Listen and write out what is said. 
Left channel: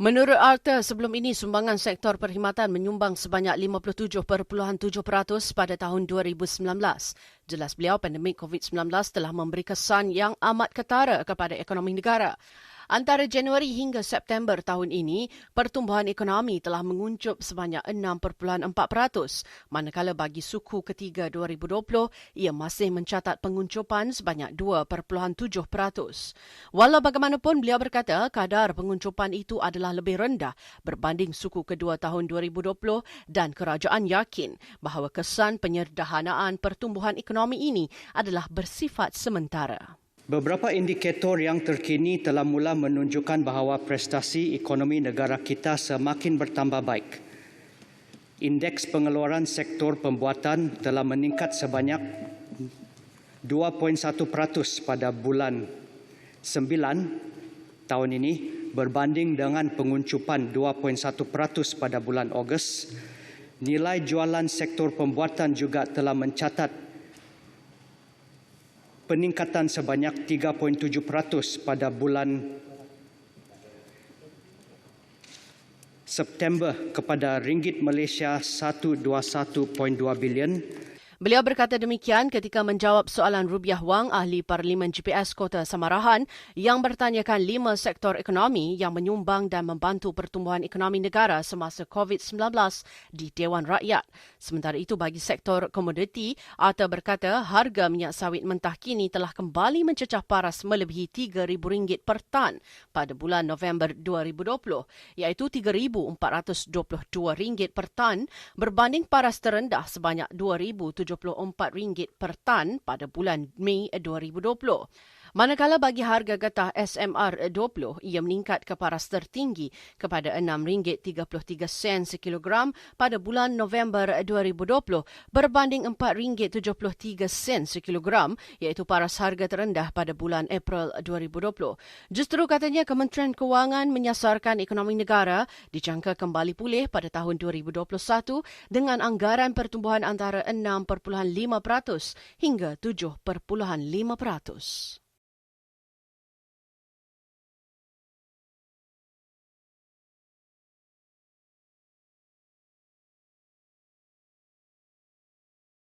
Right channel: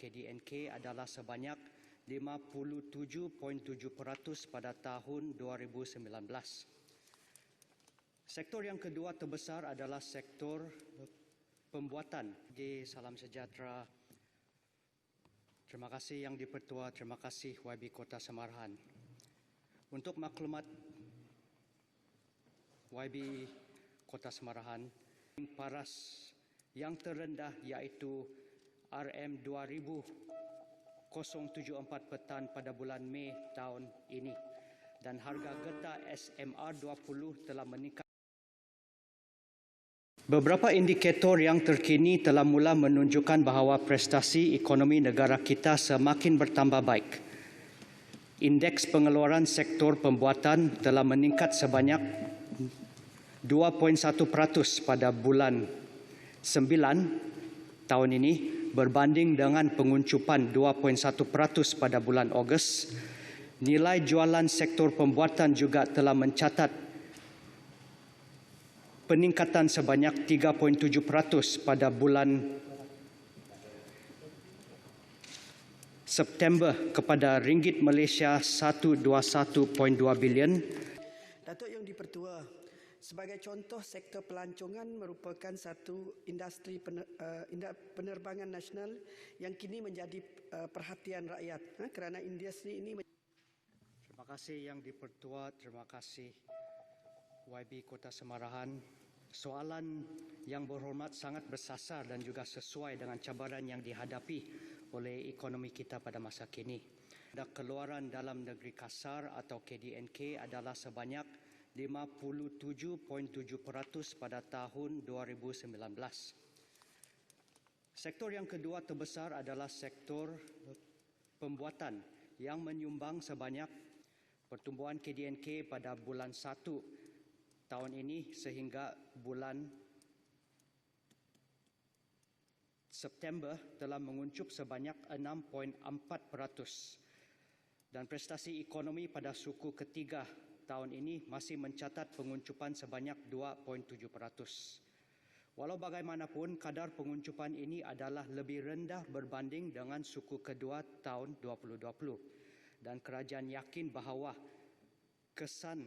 Menurut Arthur, sebelum ini sumbangan sektor perkhidmatan menyumbang sebanyak 57.7% pada tahun 2019. Jelas beliau, pandemik COVID-19 telah memberi kesan yang amat ketara kepada ekonomi negara. Antara Januari hingga September tahun ini, pertumbuhan ekonomi telah menguncup sebanyak 6.4%, manakala bagi suku ketiga 2020, ia masih mencatat penguncupan sebanyak 2.7%. Walau bagaimanapun, beliau berkata kadar penguncupan itu adalah lebih rendah berbanding suku kedua tahun 2020 dan kerajaan yakin bahawa kesan penyederhanaan pertumbuhan ekonomi ini adalah bersifat sementara. Beberapa indikator yang terkini telah mula menunjukkan bahawa prestasi ekonomi negara kita semakin bertambah baik. Indeks pengeluaran sektor pembuatan telah meningkat sebanyak 2.1% pada bulan 9 tahun ini berbanding dengan penguncupan 2.1% pada bulan Ogos. Nilai jualan sektor pembuatan juga telah mencatat peningkatan sebanyak 3.7% pada bulan September kepada ringgit Malaysia 121.2 bilion. Beliau berkata demikian ketika menjawab soalan Rubiah Wang, ahli Parlimen GPS Kota Samarahan, yang bertanyakan 5 sektor ekonomi yang menyumbang dan membantu pertumbuhan ekonomi negara semasa COVID-19 di Dewan Rakyat. Sementara itu, bagi sektor komoditi, Arthur berkata harga minyak sawit mentah kini telah kembali mencecah paras melebihi RM3,000 per tan pada bulan November 2020, iaitu RM3,422 per tan berbanding paras terendah sebanyak RM2,074 per tan pada bulan Mei 2020. Manakala bagi harga getah SMR20, ia meningkat ke paras tertinggi kepada RM6.33 sekilogram pada bulan November 2020 berbanding RM4.73 sekilogram, iaitu paras harga terendah pada bulan April 2020. Justru katanya Kementerian Kewangan menyasarkan ekonomi negara dijangka kembali pulih pada tahun 2021 dengan anggaran pertumbuhan antara 6.5% hingga 7.5%. Walau bagaimanapun, kadar penguncupan ini adalah lebih rendah berbanding dengan suku kedua tahun 2020 dan kerajaan yakin bahawa kesan